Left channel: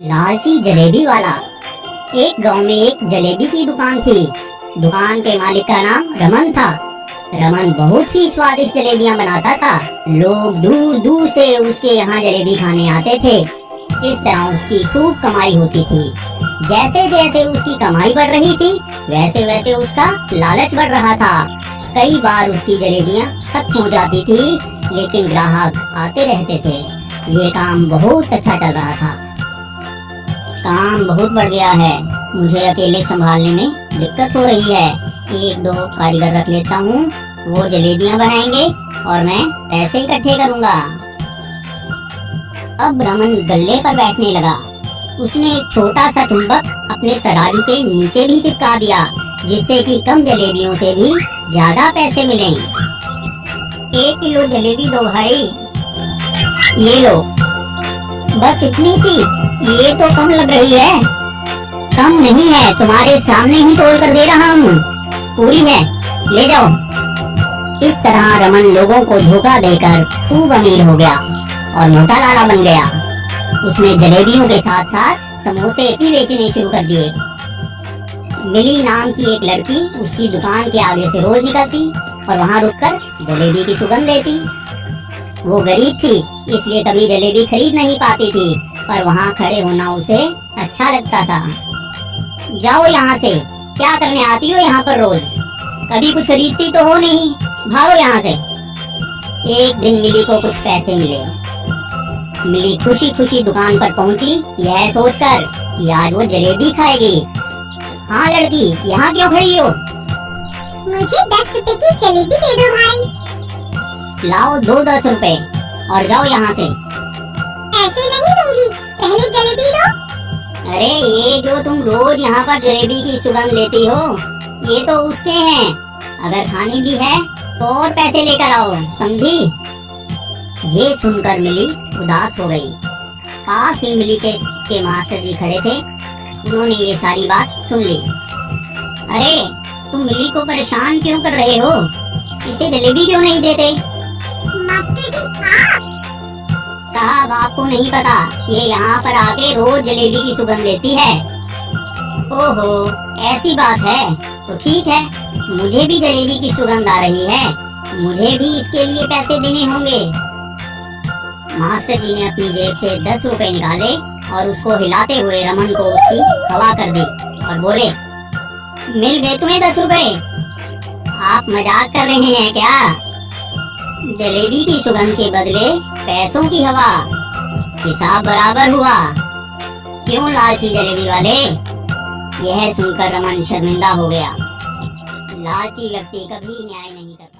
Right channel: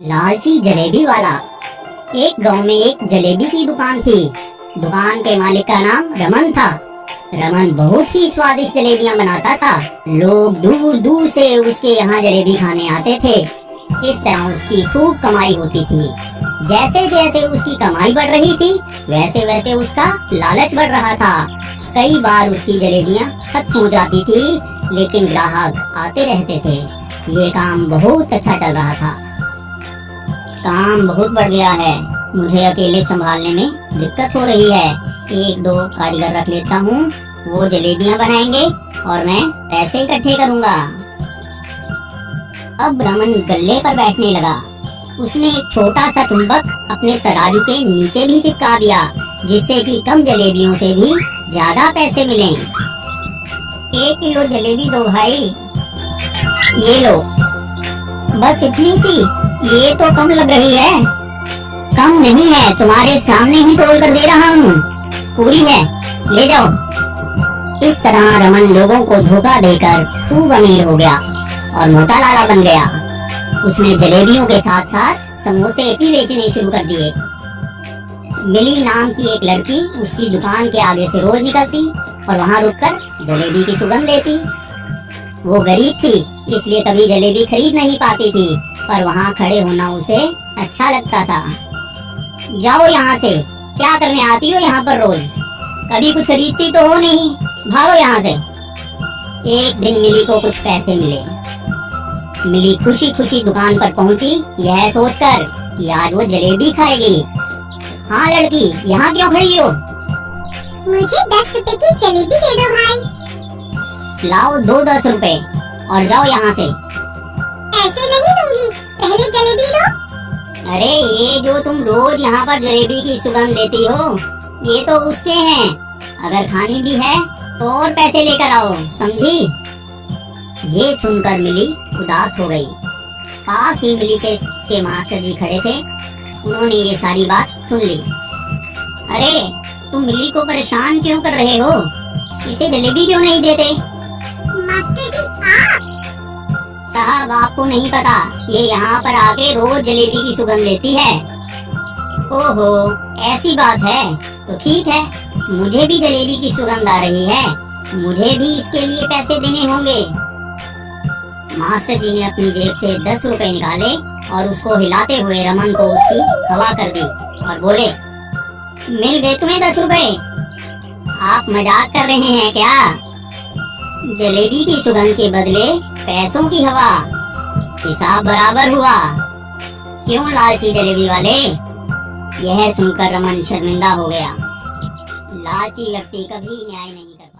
लालची जलेबी वाला। एक गांव में एक जलेबी की दुकान थी। दुकान के मालिक का नाम रमन था। रमन बहुत ही स्वादिष्ट जलेबियां बनाता था। लोग दूर दूर से उसके यहाँ जलेबी खाने आते थे। इस तरह उसकी खूब कमाई होती थी। जैसे जैसे उसकी कमाई बढ़ रही थी वैसे वैसे उसका लालच बढ़ रहा था। कई बार उसकी जलेबियां खत्म हो जाती थी, लेकिन ग्राहक आते रहते थे। ये काम बहुत अच्छा चल रहा था। काम बहुत बढ़ गया है, मुझे अकेले संभालने में दिक्कत हो रही है। एक दो कारीगर रख लेता हूँ, वो जलेबियां बनाएंगे और मैं पैसे इकट्ठे करूँगा। अब रमन गल्ले पर बैठने लगा। उसने एक छोटा सा चुंबक अपने तराजू के नीचे भी चिपका दिया, जिससे कि कम जलेबियों से भी ज्यादा पैसे मिलें। 1 किलो जलेबी दो भाई। ये लो। बस इतनी सी? ये तो कम लग रही है। कम नहीं है, तुम्हारे सामने ही तोल कर दे रहा हूँ। पूरी है, ले जाओ। इस तरह रमन लोगों को धोखा देकर खूब अमीर हो गया और मोटा लाला बन गया। उसने जलेबियों के साथ साथ समोसे भी बेचने शुरू कर दिए। मिली नाम की एक लड़की उसकी दुकान के आगे से रोज निकलती और वहाँ रुककर जलेबी की सुगंध देती। वो गरीब थी, इसलिए कभी जलेबी खरीद नहीं पाती थी, पर वहाँ खड़े होना उसे अच्छा लगता था। जाओ यहाँ से, क्या करने आती हो यहाँ पर रोज? कभी कुछ खरीदती तो हो नहीं, भागो यहाँ से। एक दिन मिली को कुछ पैसे मिले। मिली खुशी खुशी दुकान पर पहुंची, यह सोचकर कि आज वो जलेबी खाएगी। हाँ लड़की, यहाँ क्यों खड़ी हो? मुझे 10 रुपए की जलेबी दे दो भाई। लाओ 10 रुपए और जाओ यहाँ से। ऐसे नहीं दूंगी, पहले जलेबी दो। अरे ये जो तुम रोज यहाँ पर जलेबी की सुगंध लेती हो, ये तो उसके हैं। अगर खानी भी है तो और पैसे लेकर आओ, समझी? ये सुनकर मिली उदास हो गई। पास ही मिली के मास्टर जी खड़े थे। उन्होंने ये सारी बात सुन ली। अरे तुम मिली को परेशान क्यों कर रहे हो? इसे जलेबी क्यों नहीं देते? मास्टर जी आप? साहब आपको नहीं पता, ये यहाँ पर आके रोज जलेबी की सुगंध लेती है। ओहो ऐसी बात है, तो ठीक है, मुझे भी जलेबी की सुगंध आ रही है, मुझे भी इसके लिए पैसे देने होंगे। मास्टर जी ने अपनी जेब से 10 रुपए निकाले और उसको हिलाते हुए रमन को उसकी हवा कर दी और बोले, मिल गए तुम्हें 10 रुपए? आप मजाक कर रहे हैं क्या? जलेबी की सुगंध के बदले पैसों की हवा। हिसाब बराबर हुआ। क्यों लालची जलेबी वाले? यह सुनकर रमन शर्मिंदा हो गया। लालची व्यक्ति कभी न्याय नहीं करता।